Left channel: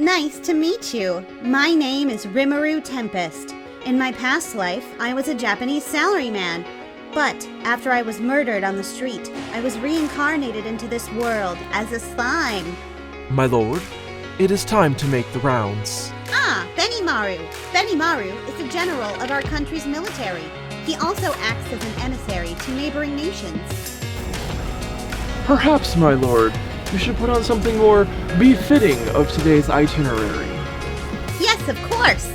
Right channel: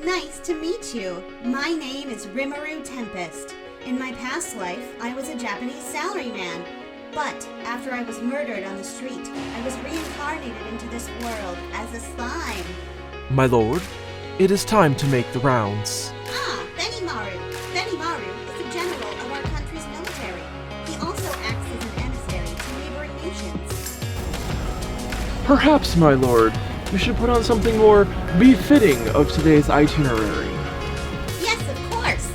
Nice to meet you. My name is Rimuru Tempest. In my past life, I was a Japanese salaryman. But after I was murdered on the street, I was reincarnated into this world as a slime. My lord, it is time to make the rounds. Ah, Benimaru. Benimaru is the general of our country's military. He also acts as an emissary to neighboring nations. Perhaps, my lord, you should put on something more befitting of today's itinerary. Yes, of course.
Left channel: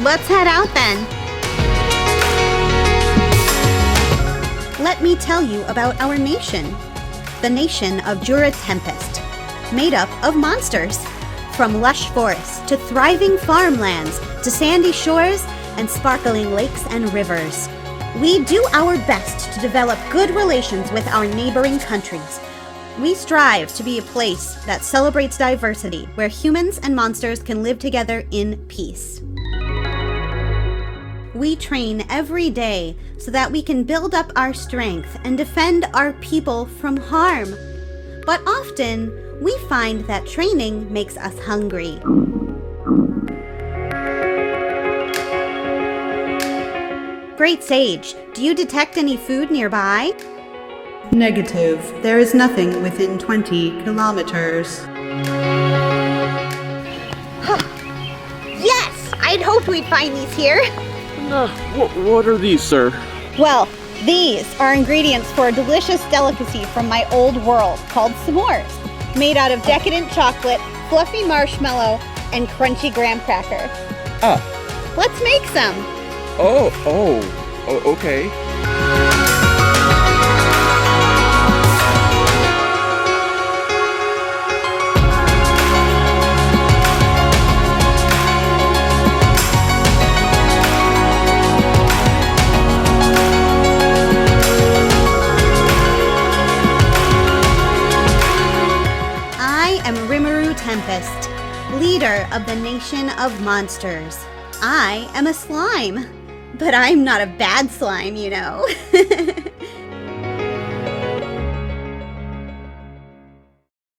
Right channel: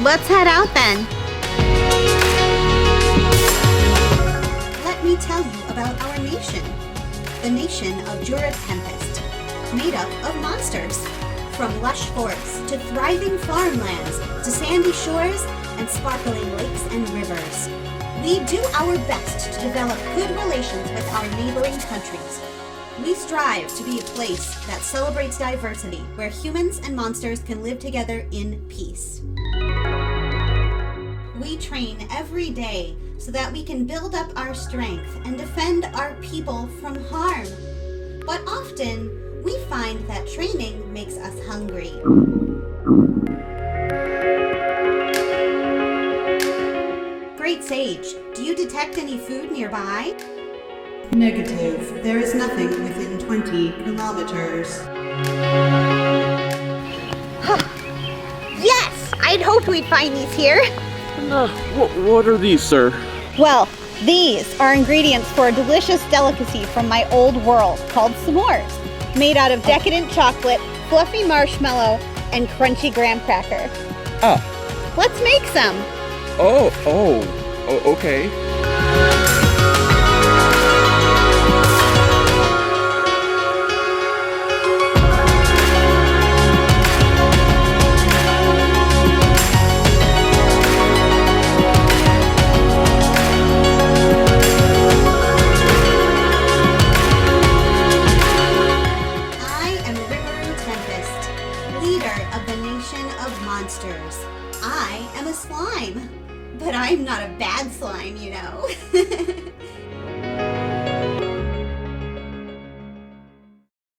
Let's head out then. Let me tell you about our nation. The nation of Jura Tempest, made up of monsters. From lush forests to thriving farmlands to sandy shores and sparkling lakes and rivers. We do our best to develop good relations with our neighboring countries. We strive to be a place that celebrates diversity, where humans and monsters can live together in peace. We train every day so that we can build up our strength and defend our people from harm. But often, we find that training makes us hungry. Great Sage, do you detect any food nearby? Negative. There is nothing within 20 kilometers. Yes! I'd hoped we'd find these here. What are these, sir? Well, these are ingredients for a delicious delicacy from my old world called s'mores, made out of decadent chocolate, fluffy marshmallow, and crunchy graham cracker. Ah. Let's make some. Oh, okay. Of the nation of monsters. I am a slime, but I'm not a bad slime, you know.